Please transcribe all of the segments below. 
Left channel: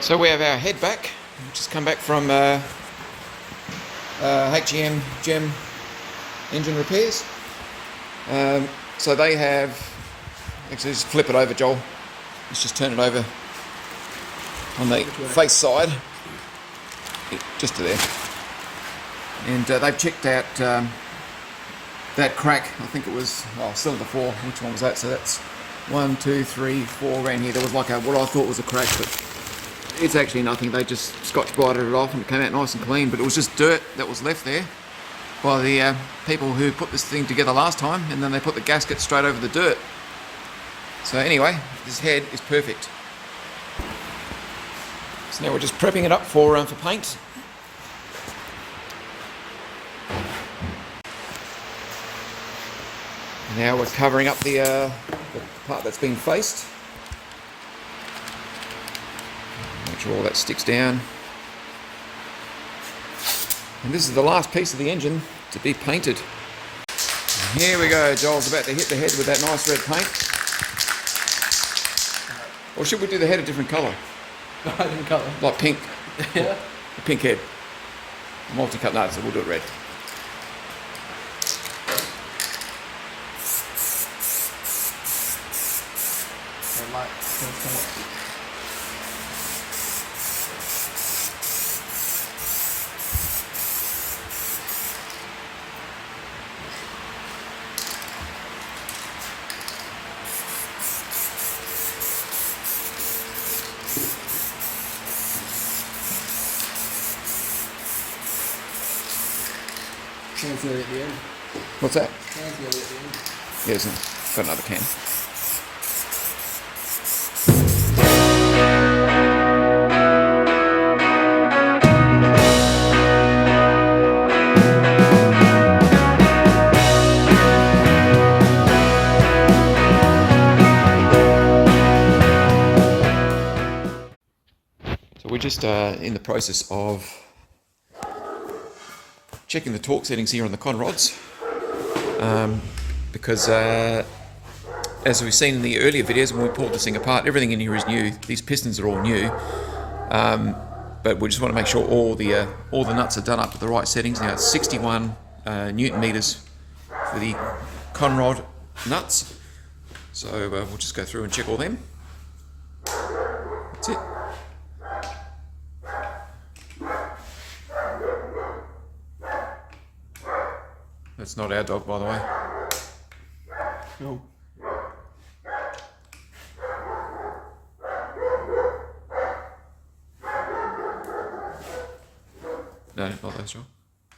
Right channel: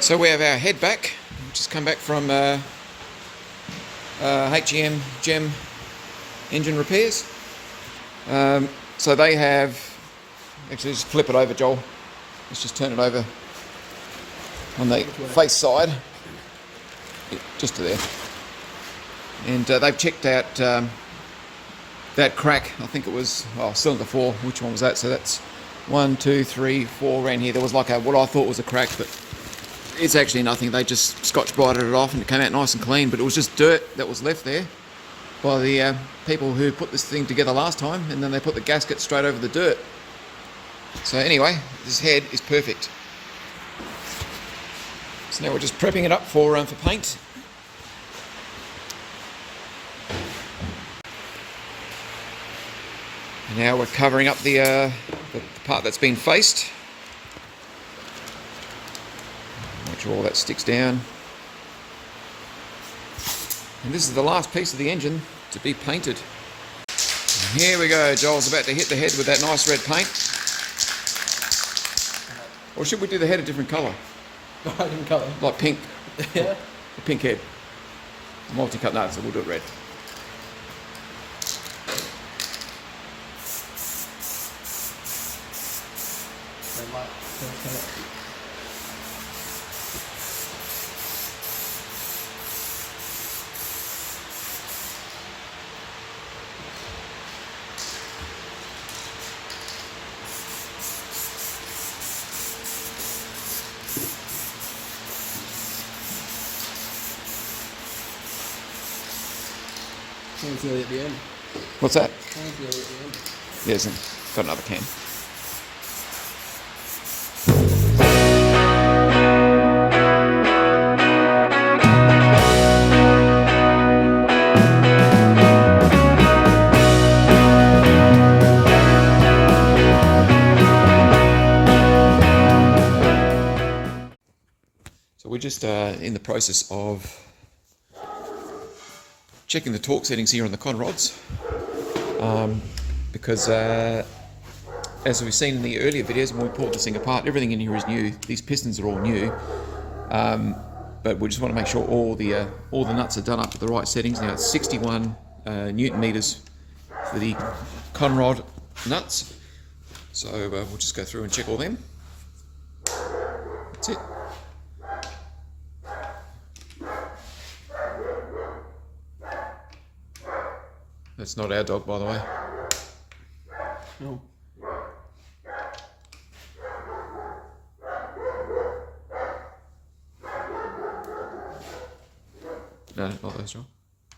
So we have our head back. Just come back from HEM Gem engine repairs. So they have, actually just flip it over, Joel. Let's just turn it over on the face side, just to there. And they've checked out that crack. I think it was cylinder 4. Which one was that? So that's 1, 2, 3, 4 around here. There was like what I thought was a crack, but it's actually nothing. They just scotch-brighted it off and it came out nice and clean, but it was just dirt that was left there by the people who put this thing together last time, and then they put the gasket straight over the dirt. So anyway, this head is perfect. So now we're just prepping it up for paint. And now we're covering up the part that's been faced. Make sure all that sticks down. And this is the last piece of the engine to be painted. And here we go, Joel's about to hit the head with that nice red paint. Or should we do the head a different colour? Different colour? Like pink. Yeah. A pink head. Multi-cut, no, so we'll do it red. Can's nearly at the end. What's that? Can's nearly at the end. Yes, got another can. So we're just in the process of checking the torque settings here on the con rods, because as we've seen in the earlier videos when we pulled this thing apart, everything in here is new. These pistons are all new, but we just want to make sure all the nuts are done up at the right settings. Now it's 61 Newton meters for the con rod nuts, so we'll just go through and check all them. That's it. That's not our dog, by the way. No. No, not those, Joel.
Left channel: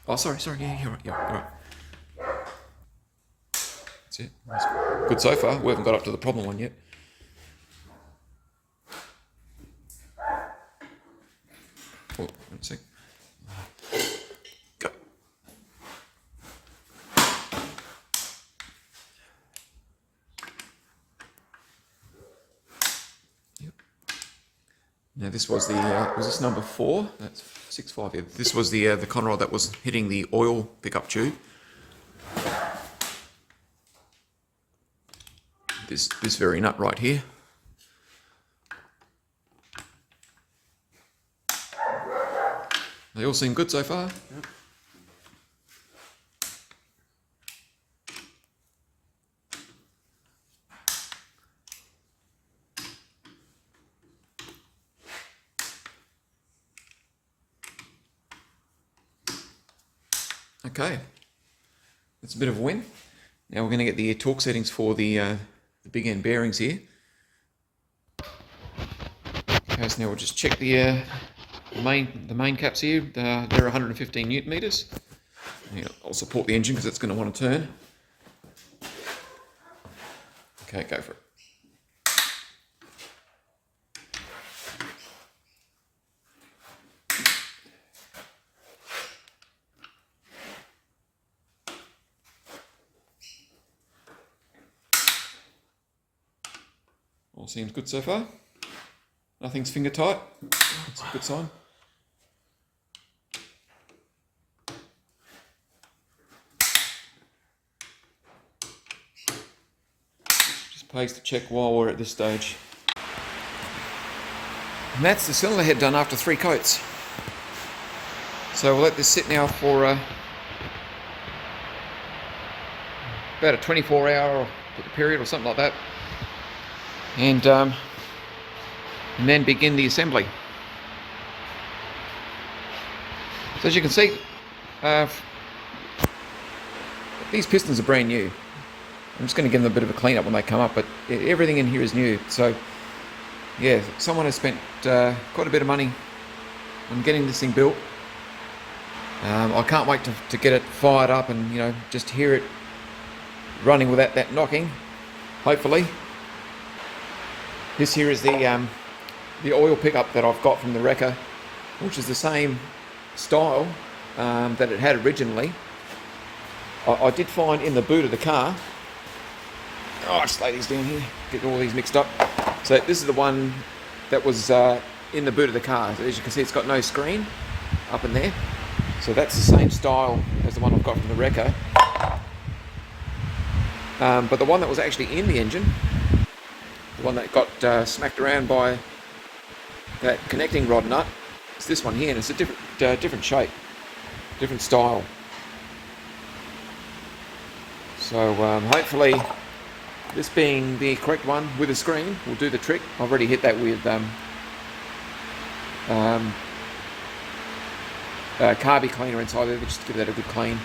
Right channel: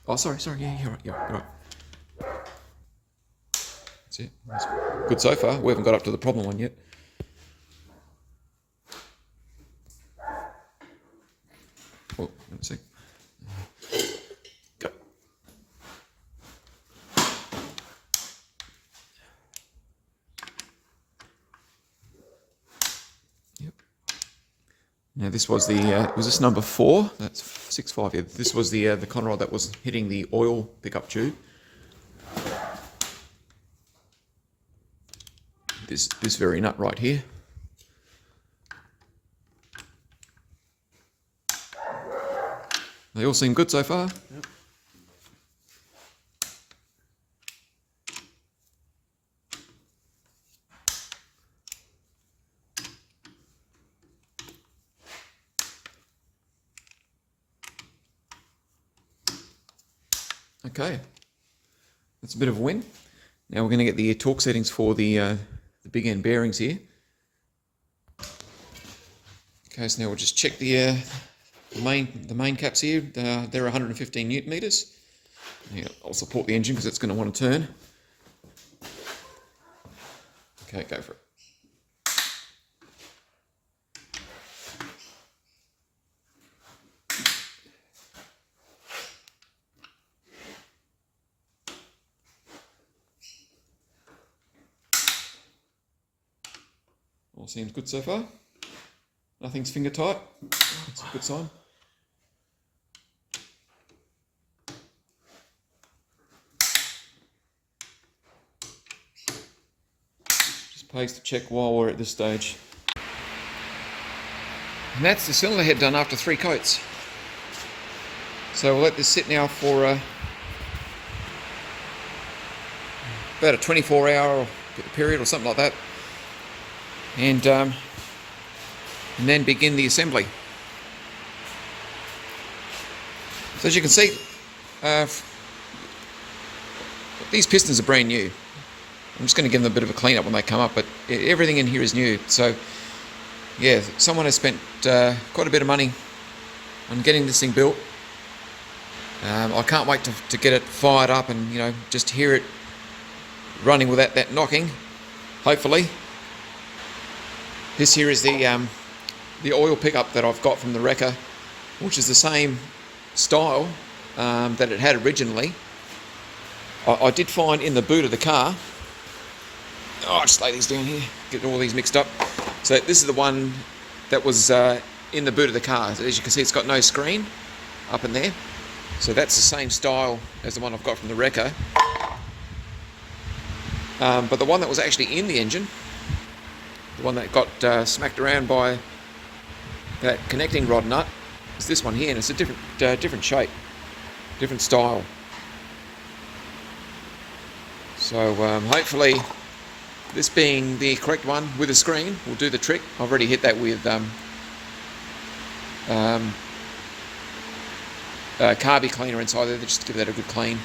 Oh, sorry, yeah, you're right. That's it. That's good so far. We haven't got up to the problem one yet. Oh, let's see. Go. Yep. Now this was the was this number 4? That's 6.5. Yeah. This was the con rod that was hitting the oil pickup tube. This very nut right here. They all seem good so far. Yep. Okay, that's a bit of a win. Now we're going to get the torque settings for the big end bearings here. Okay, so now we'll just check the main caps here. They're 115 Newton meters. I'll support the engine because it's going to want to turn. Okay, go for it. All seems good so far. Nothing's finger tight. That's a good sign. Just pays to check while we're at this stage. And that's the cylinder head done after 3 coats. So we'll let this sit now for about a 24-hour period or something like that, and then begin the assembly. So as you can see, these pistons are brand new. I'm just going to give them a bit of a clean up when they come up, but everything in here is new. So yeah, someone has spent quite a bit of money on getting this thing built. I can't wait to get it fired up and, you know, just hear it running without that knocking, hopefully. This here is the oil pickup that I've got from the wrecker, which is the same style that it had originally. I did find in the boot of the car, I'll just lay these down here, get all these mixed up. So this is the one that was in the boot of the car. So as you can see, it's got no screen up in there. So that's the same style as the one I've got from the wrecker. But the one that was actually in the engine, the one that got smacked around by that connecting rod nut, is this one here, and it's a different shape, different style. So hopefully this being the correct one with a screen will do the trick. I've already hit that with carby cleaner inside there just to give that a good clean.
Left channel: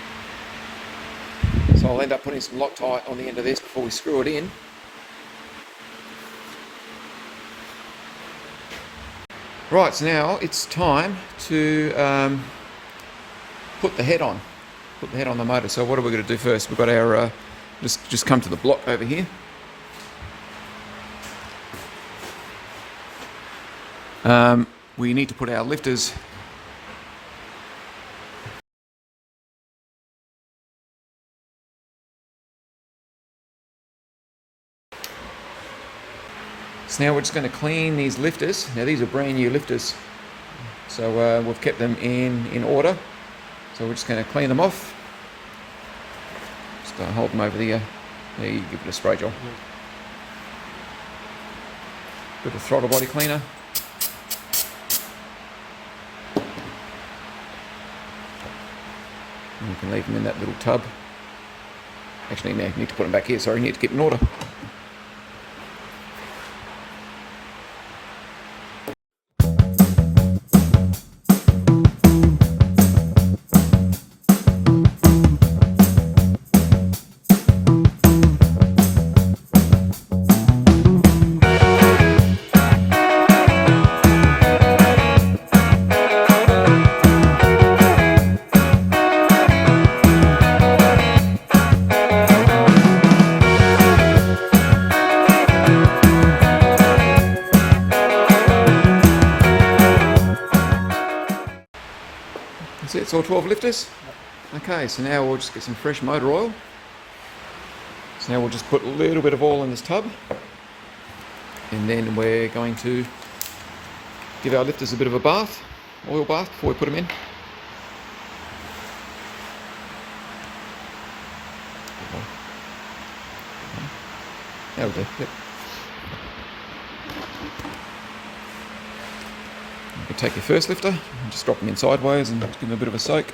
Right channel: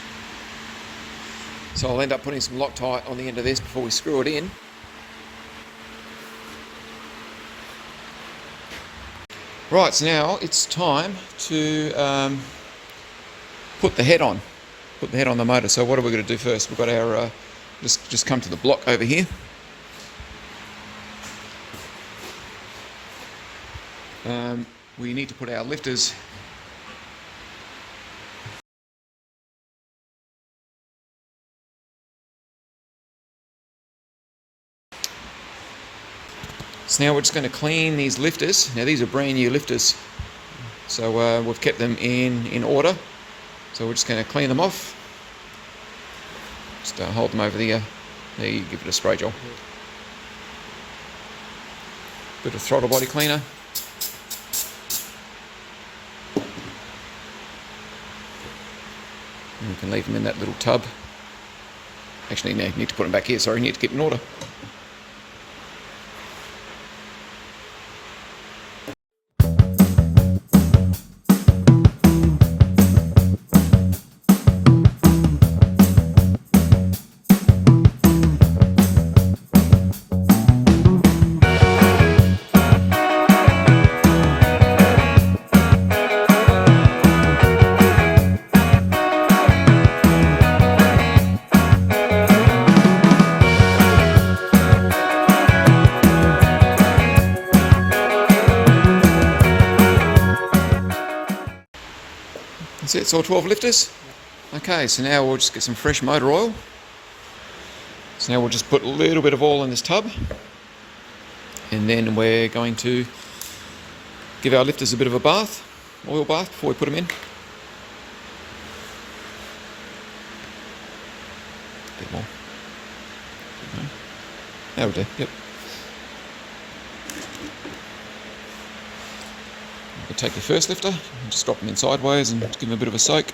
So I'll end up putting some Loctite on the end of this before we screw it in. Right, so now it's time to put the head on. Put the head on the motor. So what are we going to do first? We've got our, just come to the block over here. We need to put our lifters So now we're just going to clean these lifters. Now these are brand new lifters, so we've kept them in order. So we're just going to clean them off. Just hold them over there. There, you give it a spray gel. Bit of throttle body cleaner. And we can leave them in that little tub. Actually, no, need to put them back here. Sorry, need to keep them in order. That's it, it's all 12 lifters. Okay, so now we'll just get some fresh motor oil. So now we'll just put a little bit of oil in this tub, and then we're going to give our lifters a bit of a bath, oil bath, before we put them in. A bit more. That'll do, yep. You take your first lifter and just drop them in sideways and give them a bit of a soak.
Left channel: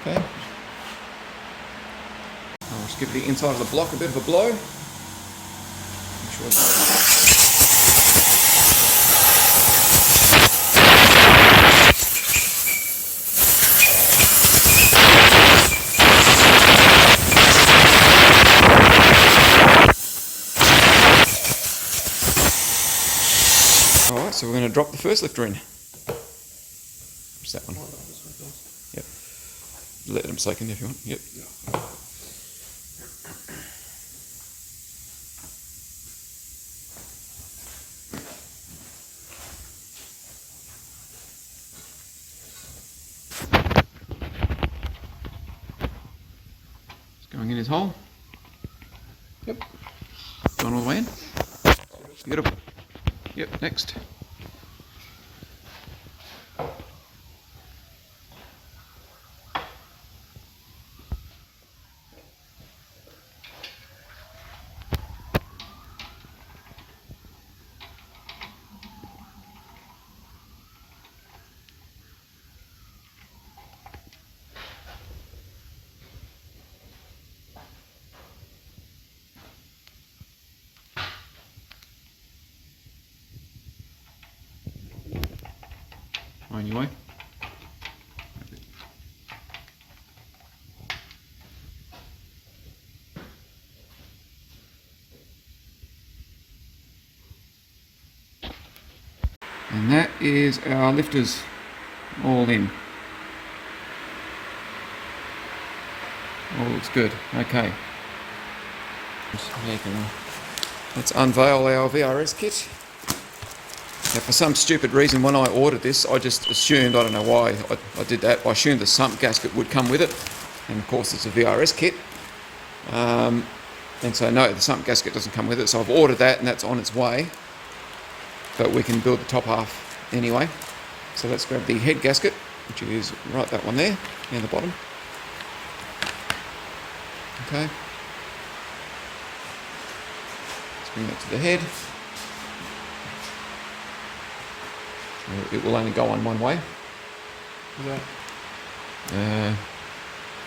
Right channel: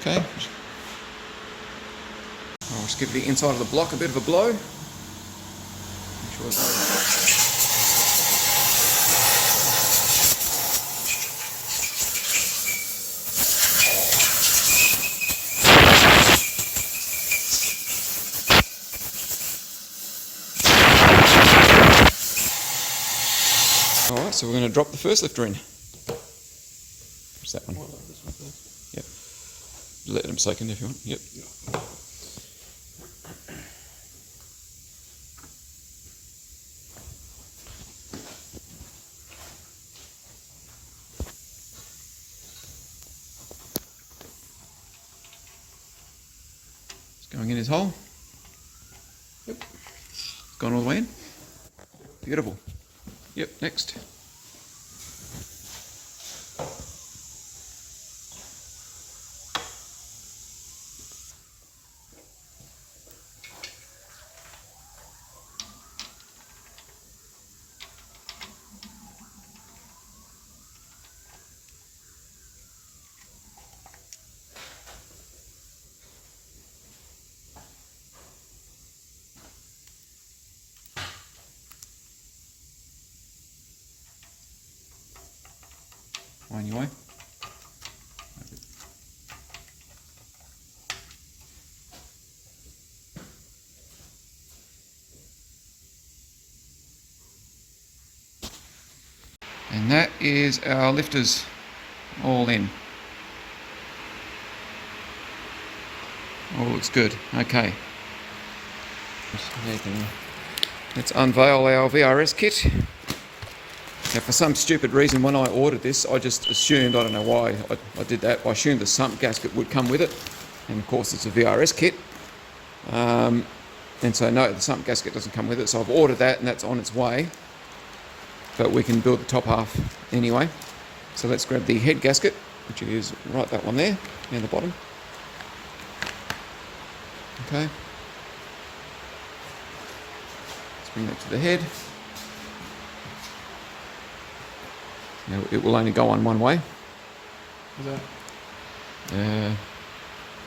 Okay. I'll just give the inside of the block a bit of a blow. Make sure it's Alright, so we're going to drop the first lifter in. What's that one? Yep. Let them soak in if you want. Yep. Just going in his hole. Yep. Gone all the way in. Beautiful. Yep, next. Anyway. And that is our lifters all in. All looks good. Okay. Let's unveil our VRS kit. Now, for some stupid reason, when I ordered this, I just assumed, I don't know why I did that, I assumed the sump gasket would come with it. And of course, it's a VRS kit. And so, no, the sump gasket doesn't come with it. So I've ordered that and that's on its way. But we can build the top half anyway. So let's grab the head gasket, which is right that one there, near the bottom. Okay. Let's bring that to the head. It will only go on one way. What's that?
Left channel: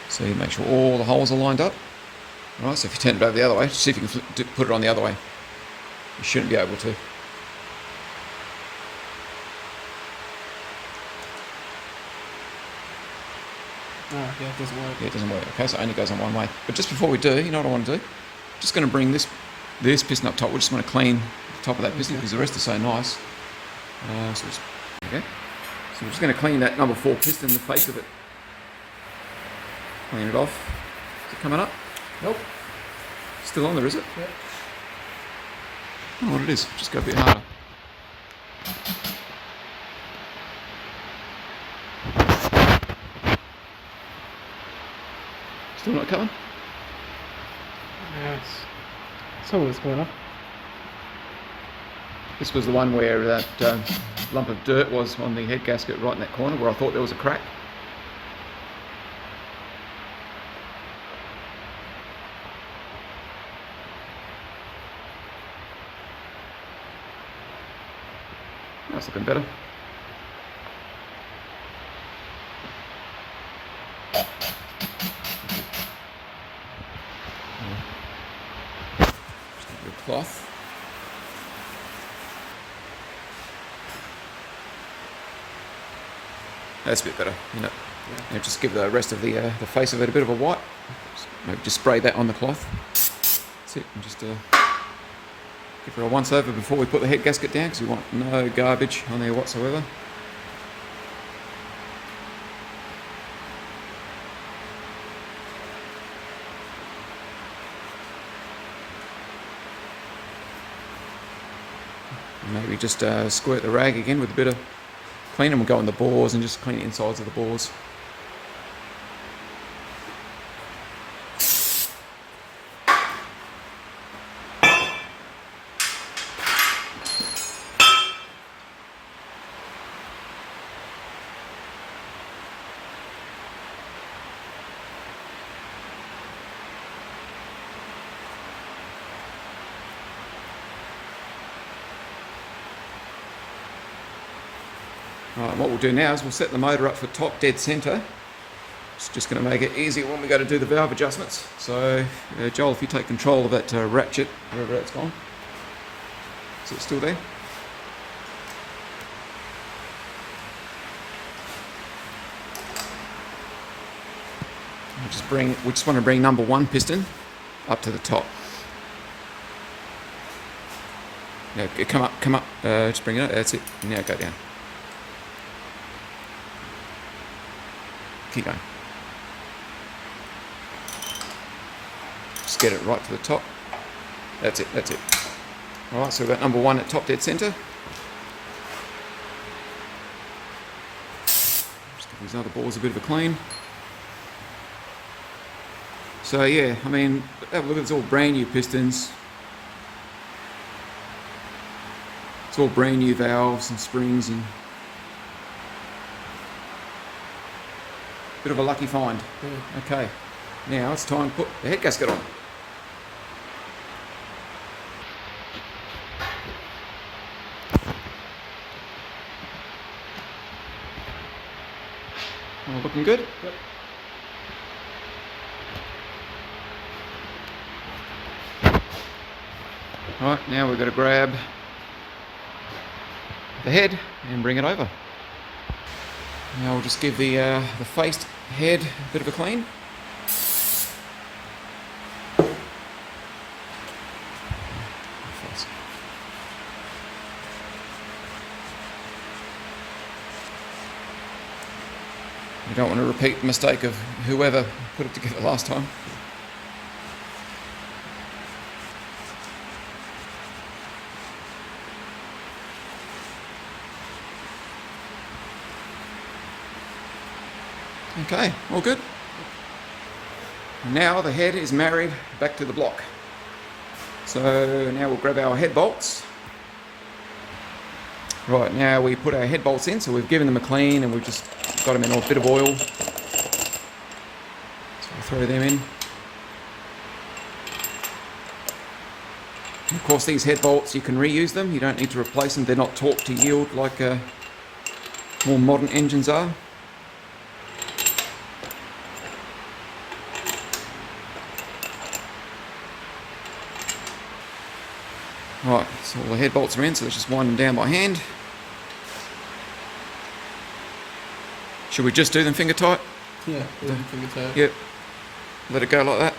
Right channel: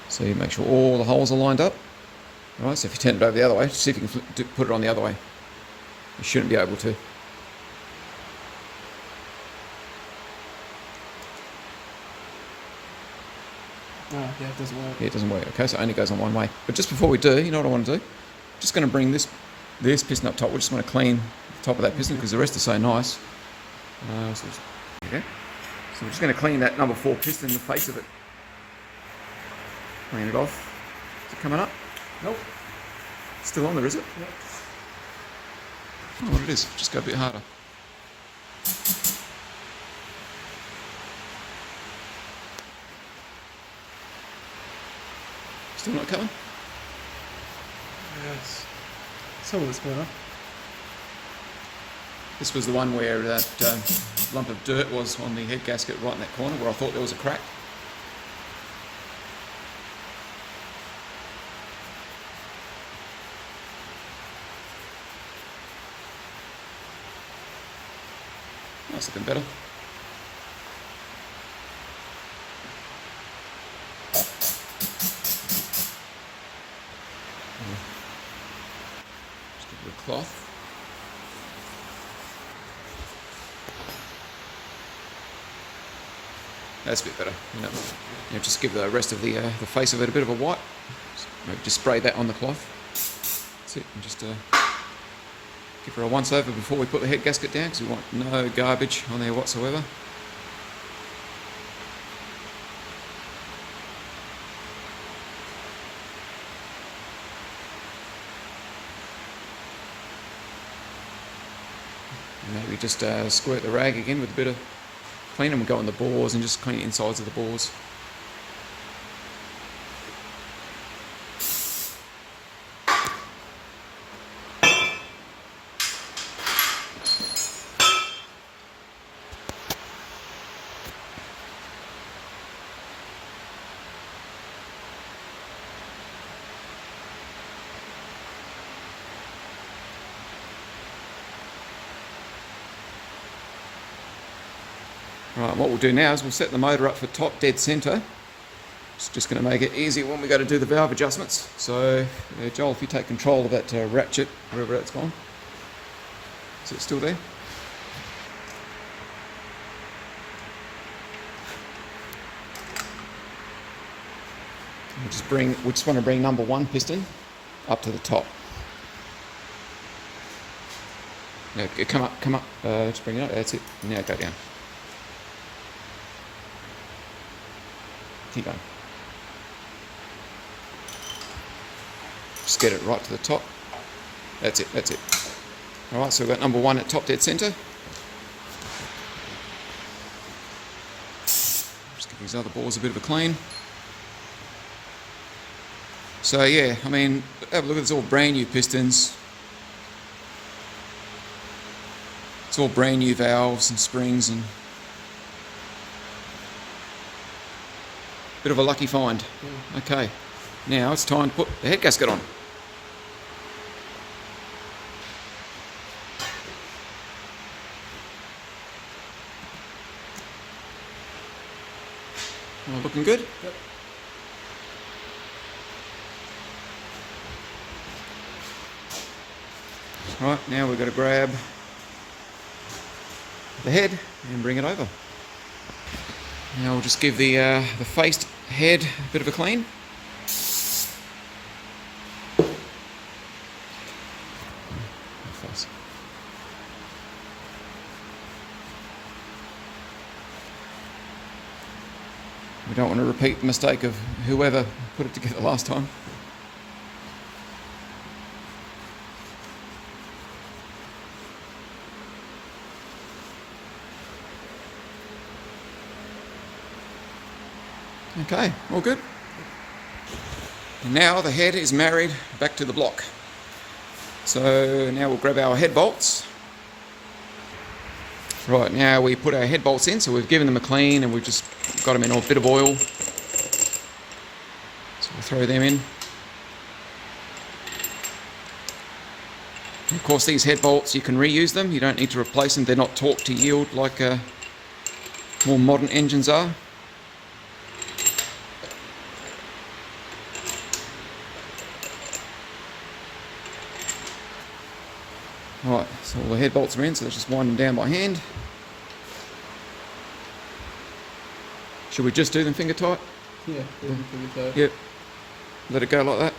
So you make sure all the holes are lined up. Alright, so if you turn it over the other way, see if you can put it on the other way. You shouldn't be able to. Oh, yeah, it doesn't work. Yeah, it doesn't work. Okay, so it only goes on one way. But just before we do, you know what I want to do? Just going to bring this piston up top. We just want to clean the top of that piston because the rest is so nice. Okay. So we're just going to clean that number 4 piston, the face of it. Clean it off. Is it coming up? Nope. Still on there, is it? Yeah. I don't know what it is. Just go a bit harder. Still not coming? Yes. So what's going on? This was the one where that lump of dirt was on the head gasket right in that corner where I thought there was a crack. That's looking better. Just give it a cloth. That's a bit better. Yeah, just give the rest of the face of it a bit of a wipe. Maybe just spray that on the cloth. That's it. And just give her a once over before we put the head gasket down because we want no garbage on there whatsoever. And maybe just squirt the rag again with a bit of clean, and we'll go on the bores and just clean the insides of the bores. Right, what we'll do now is we'll set the motor up for top dead centre. It's just going to make it easier when we go to do the valve adjustments. So, Joel, if you take control of that ratchet, wherever that's gone. Is it still there? We just want to bring number 1 piston up to the top. Now, come up, just bring it up, that's it. Now go down. Keep going. Just get it right to the top. That's it, that's it. Alright, so we've got number 1 at top dead centre. Just give these other bores a bit of a clean. So yeah, I mean, have a look at this, all brand new pistons. It's all brand new valves and springs and bit of a lucky find. Yeah. Okay, now it's time to put the head gasket on. All looking good? Yep. Alright, now we've got to grab the head and bring it over. Now we'll just give the faced head a bit of a clean. We don't want to repeat the mistake of whoever put it together last time. Okay, all good. And now the head is married back to the block. So now we'll grab our head bolts. Right, now we put our head bolts in, so we've given them a clean and we've just got them in a bit of oil. So we'll throw them in. And of course these head bolts, you can reuse them, you don't need to replace them, they're not torqued to yield like more modern engines are. Right, so all the head bolts are in, so let's just wind them down by hand. Should we just do them finger tight? Yeah, finger tight. Yep. Let it go like that.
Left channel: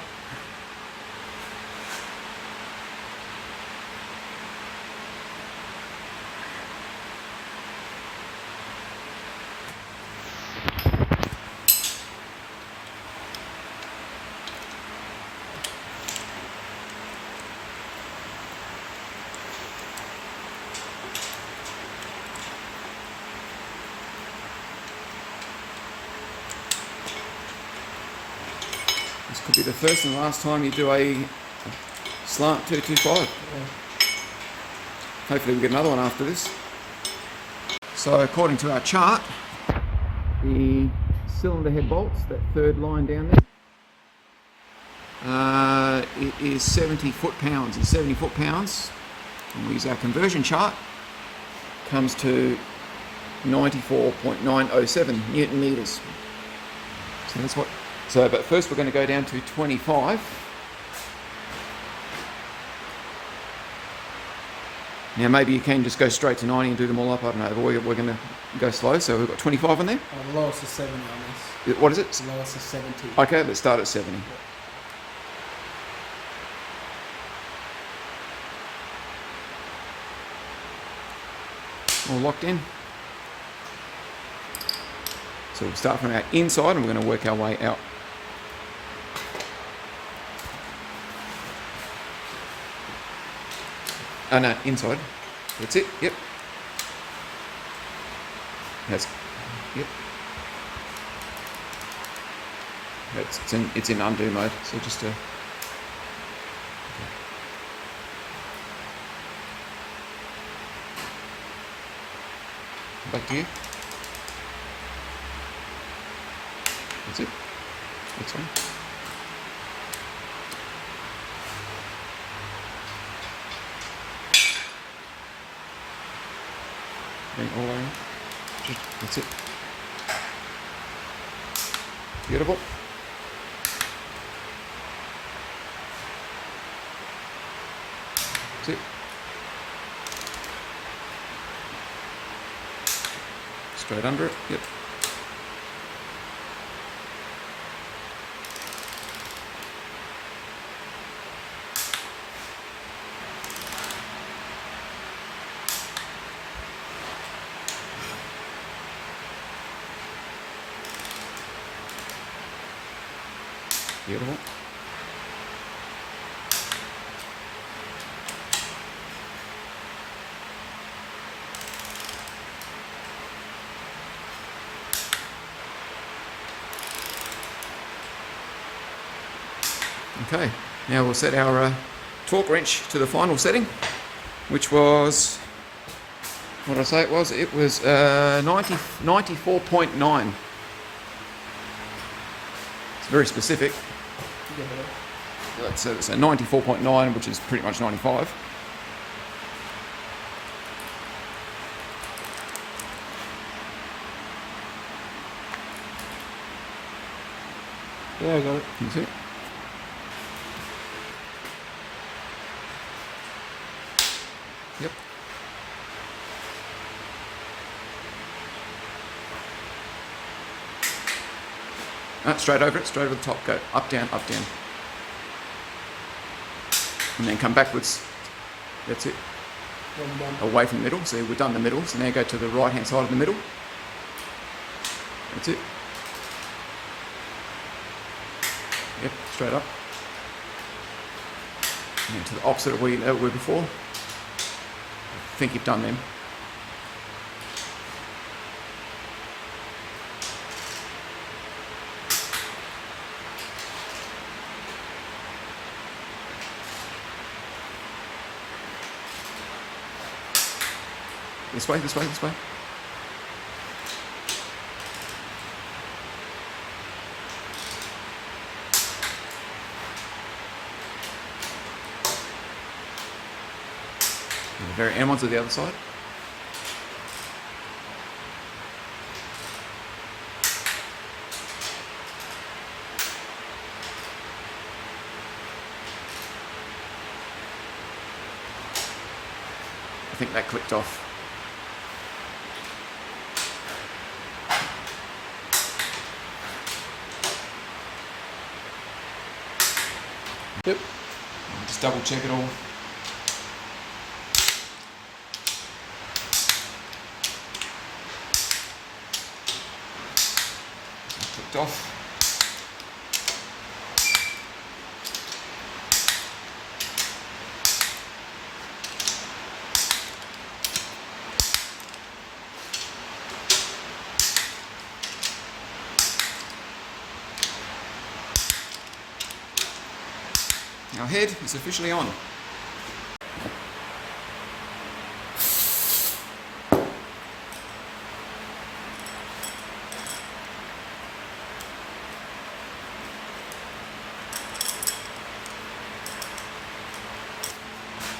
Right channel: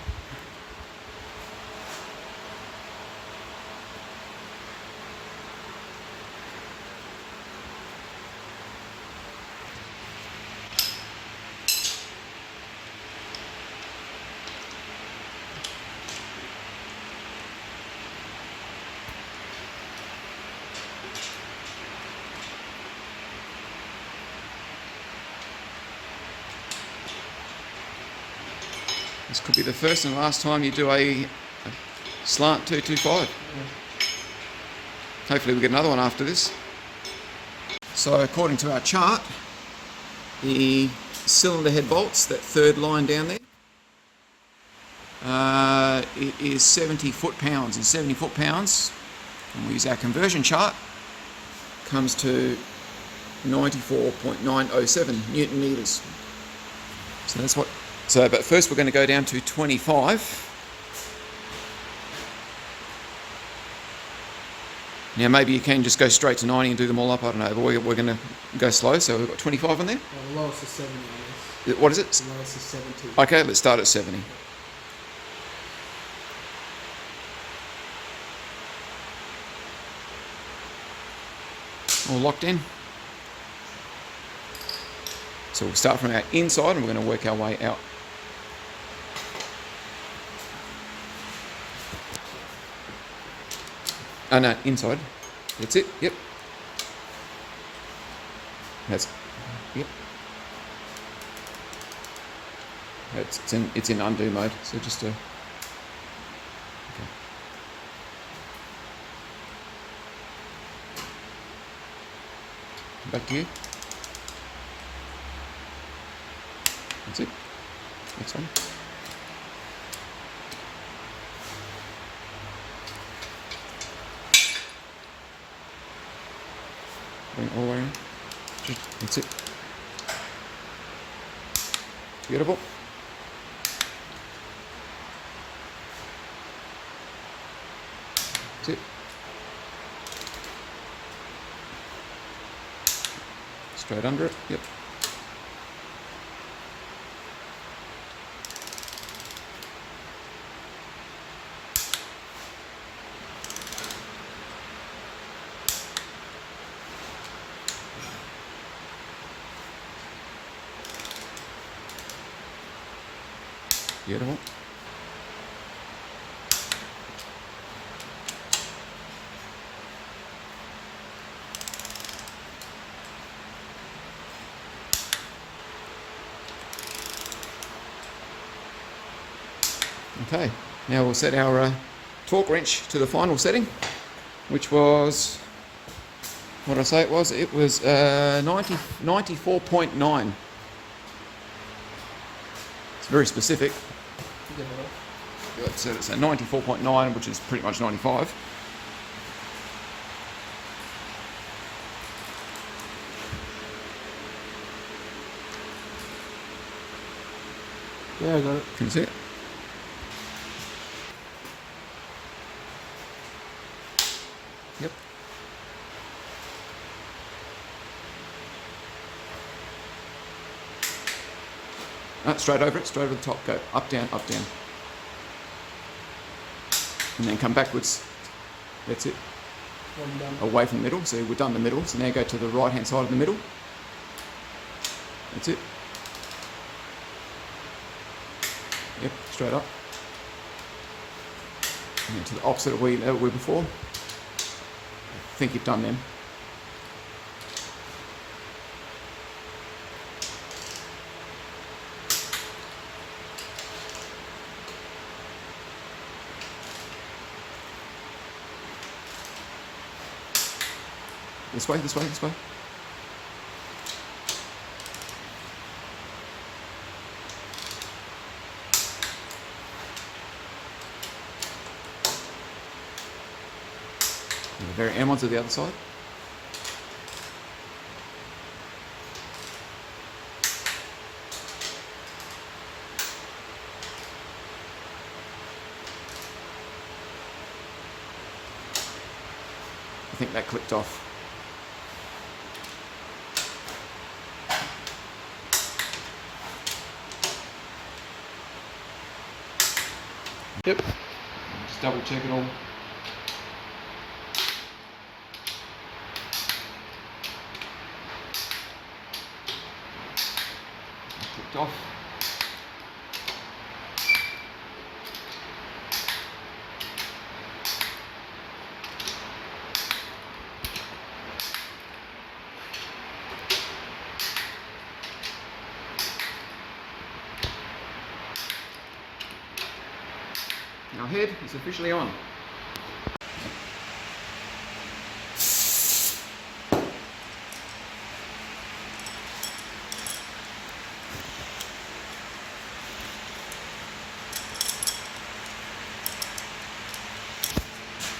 This could be the first and last time you do a slant 225. Hopefully we get another one after this. So according to our chart, the cylinder head bolts, that third line down there, it is 70 foot-pounds. And 70 foot-pounds, when we use our conversion chart, comes to 94.907 Newton meters. So that's what. So, but first we're going to go down to 25. Now maybe you can just go straight to 90 and do them all up, I don't know, but we're going to go slow, so we've got 25 on there. The lowest is 70 on this. What is it? The lowest is 70. Okay, let's start at 70. All locked in. So we'll start from our inside and we're going to work our way out. Oh no, inside. That's it, yep. That's, yep. It's in undo mode, so just okay. Back to you. That's it. Next one. Bring all on. That's it. Beautiful. That's it. Straight under it. Yep. Beautiful. Okay, now we'll set our torque wrench to the final setting, which was, what did I say it was? It was 94.9. It's very specific. Let's set it, so 94.9, which is pretty much 95. Yeah, I got it. Can you see it? Yep. Straight over it, straight over the top. Go up, down, up, down. And then come backwards. That's it. Away from the middle. So we've done the middle. So now go to the right hand side of the middle. That's it. Yep, straight up. And then to the opposite of where you were before. I think you've done them. This way, this way, this way. And the very end ones to the other side. I think that clicked off. Yep. Just double check it all. Clicked off. Our head is officially on.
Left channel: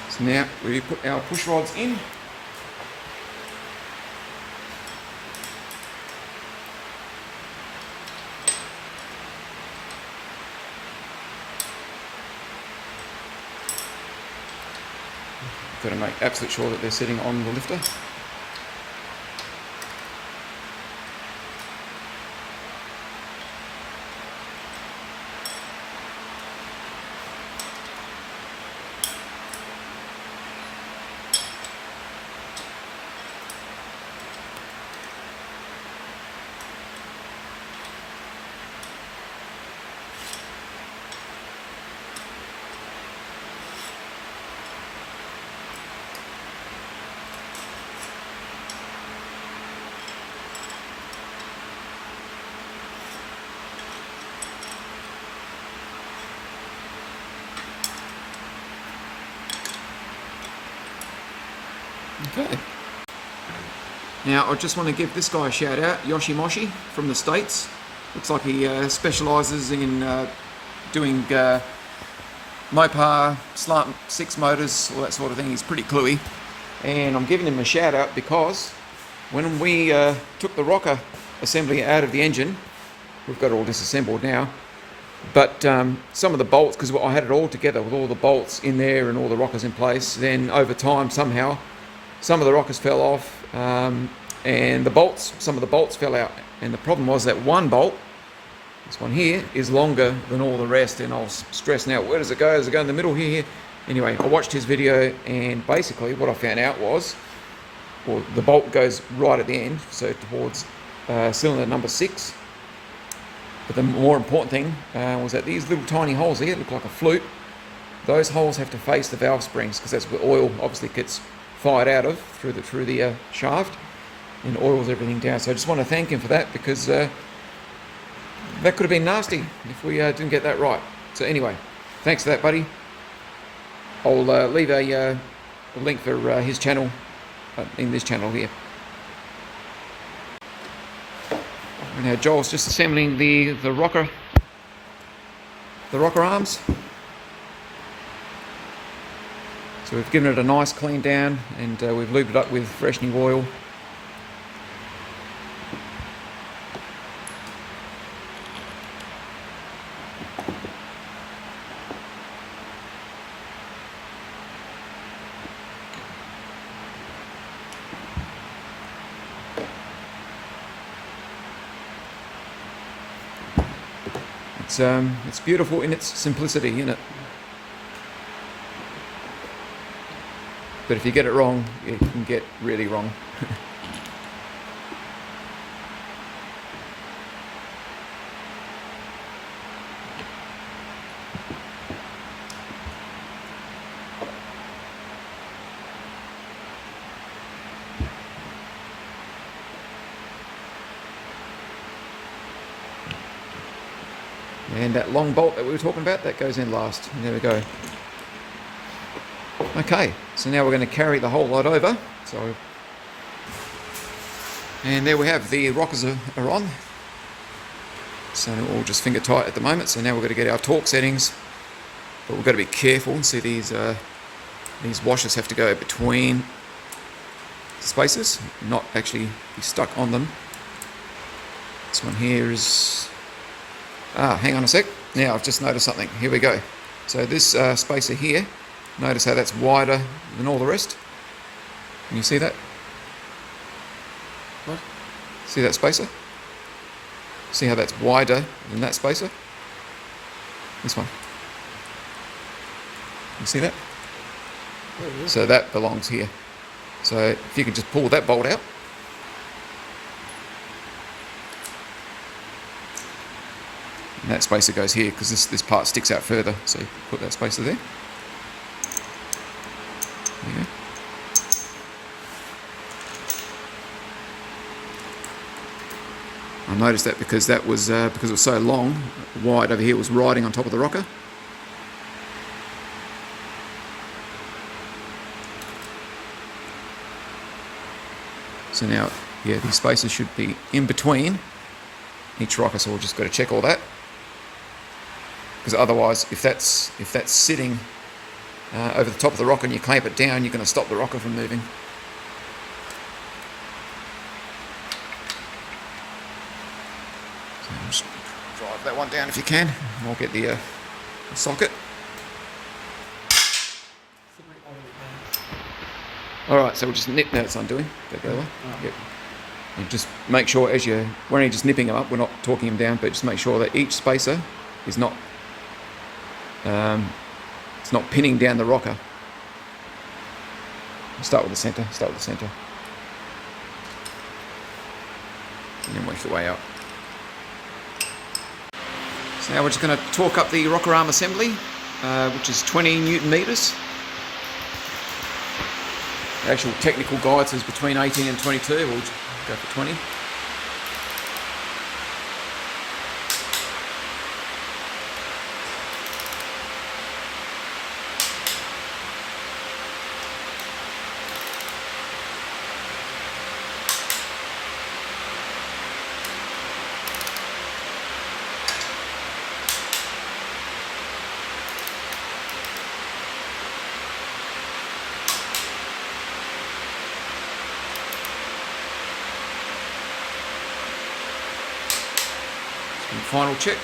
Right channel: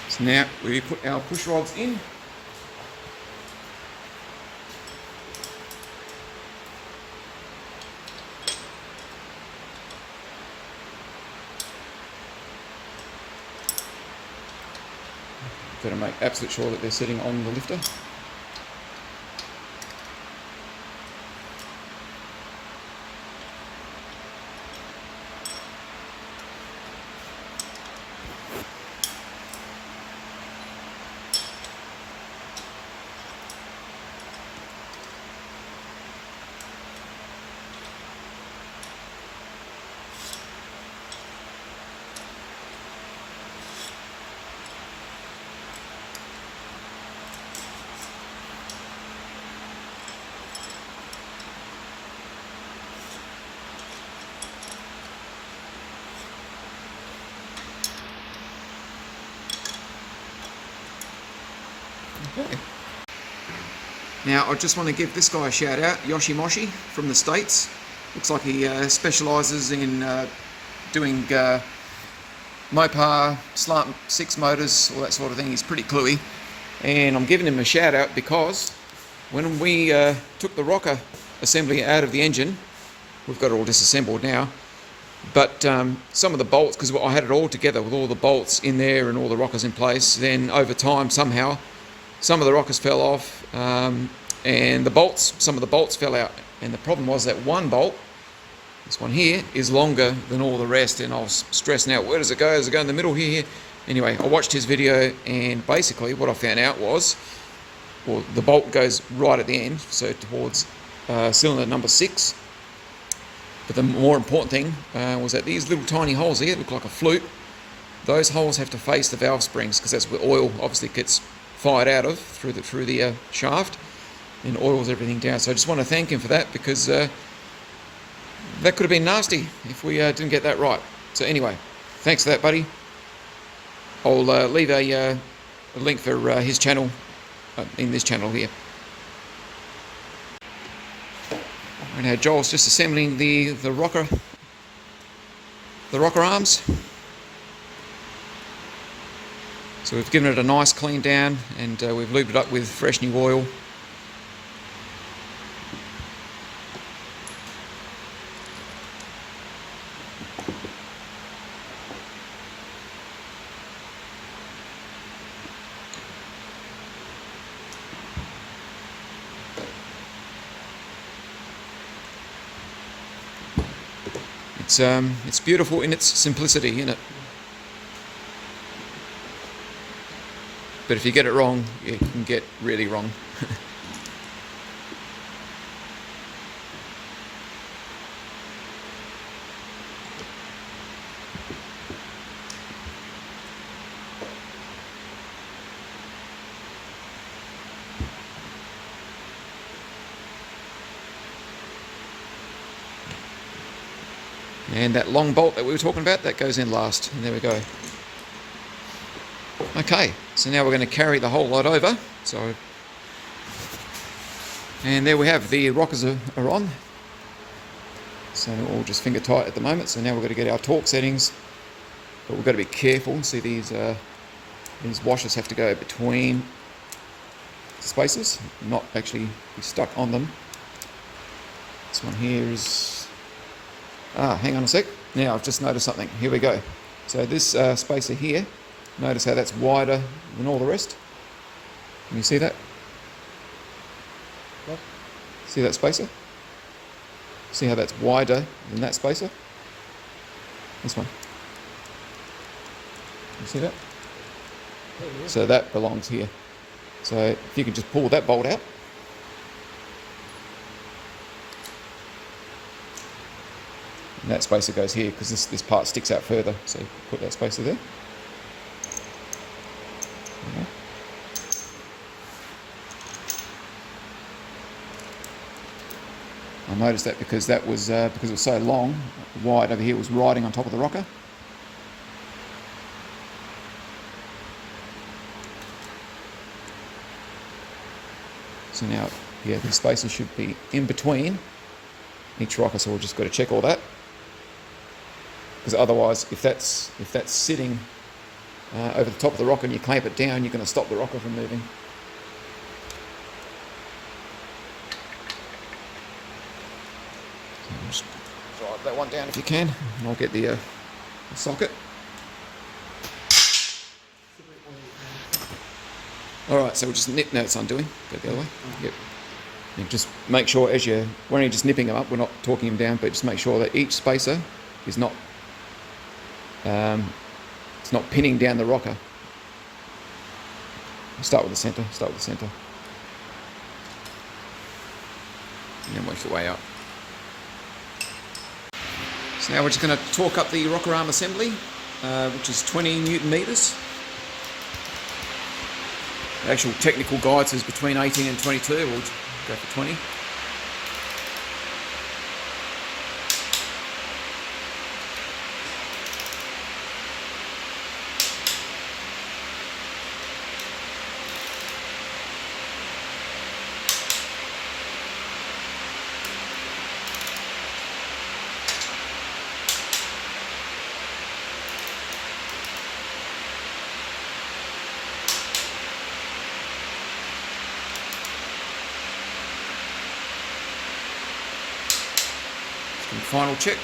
So now we put our push rods in. Got to make absolute sure that they're sitting on the lifter. Okay. Now I just want to give this guy a shout out, Yoshimoshi from the States. Looks like he specialises in doing Mopar, slant 6 motors, all that sort of thing. He's pretty cluey. And I'm giving him a shout out because when we took the rocker assembly out of the engine, we've got it all disassembled now, but some of the bolts, because I had it all together with all the bolts in there and all the rockers in place, then over time somehow some of the rockers fell off, and some of the bolts fell out. And the problem was that one bolt, this one here, is longer than all the rest, and I was stressing out, where does it go? Does it go in the middle here? Anyway, I watched his video, and basically what I found out was, well, the bolt goes right at the end, so towards cylinder number 6. But the more important thing was that these little tiny holes here look like a flute. Those holes have to face the valve springs, because that's where oil obviously gets fired out of through the shaft, and oils everything down. So I just want to thank him for that, because that could have been nasty if we didn't get that right. So anyway, thanks for that, buddy. I'll leave a link for his channel in this channel here. And now Joel's just assembling the rocker arms. So we've given it a nice clean down, and we've lubed it up with fresh new oil. It's beautiful in its simplicity, isn't it? But if you get it wrong, you can get really wrong. And that long bolt that we were talking about, that goes in last. And there we go. Okay, so now we're going to carry the whole lot over. And there we have, the rockers are on. So they're all just finger tight at the moment. So now we're going to get our torque settings. But we've got to be careful. See, these washers have to go between spaces, not actually be stuck on them. This one here is... hang on a sec. Now I've just noticed something. Here we go. So this spacer here, notice how that's wider than all the rest. Can you see that? What? See that spacer? See how that's wider than that spacer? This one. You see that? Oh, yeah. So that belongs here. So if you can just pull that bolt out. And that spacer goes here because this part sticks out further. So you put that spacer there. Yeah. I noticed that because it was so long, wide over here was riding on top of the rocker. So now, yeah, these spacers should be in between each rocker, so we've just got to check all that. Because otherwise, if that's sitting over the top of the rocker and you clamp it down, you're going to stop the rocker from moving. So just drive that one down if you can, and I'll get the socket. Alright, so we'll just nip, now it's undoing. Don't go away. Yep. And just make sure when you're just nipping them up, we're not torquing them down, but just make sure that each spacer is not it's not pinning down the rocker. Start with the centre, and then work your way up. So now we're just going to torque up the rocker arm assembly, which is 20 Newton meters. The actual technical guide says between 18 and 22, we'll go for 20. And final check.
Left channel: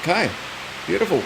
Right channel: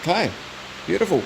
Okay, beautiful.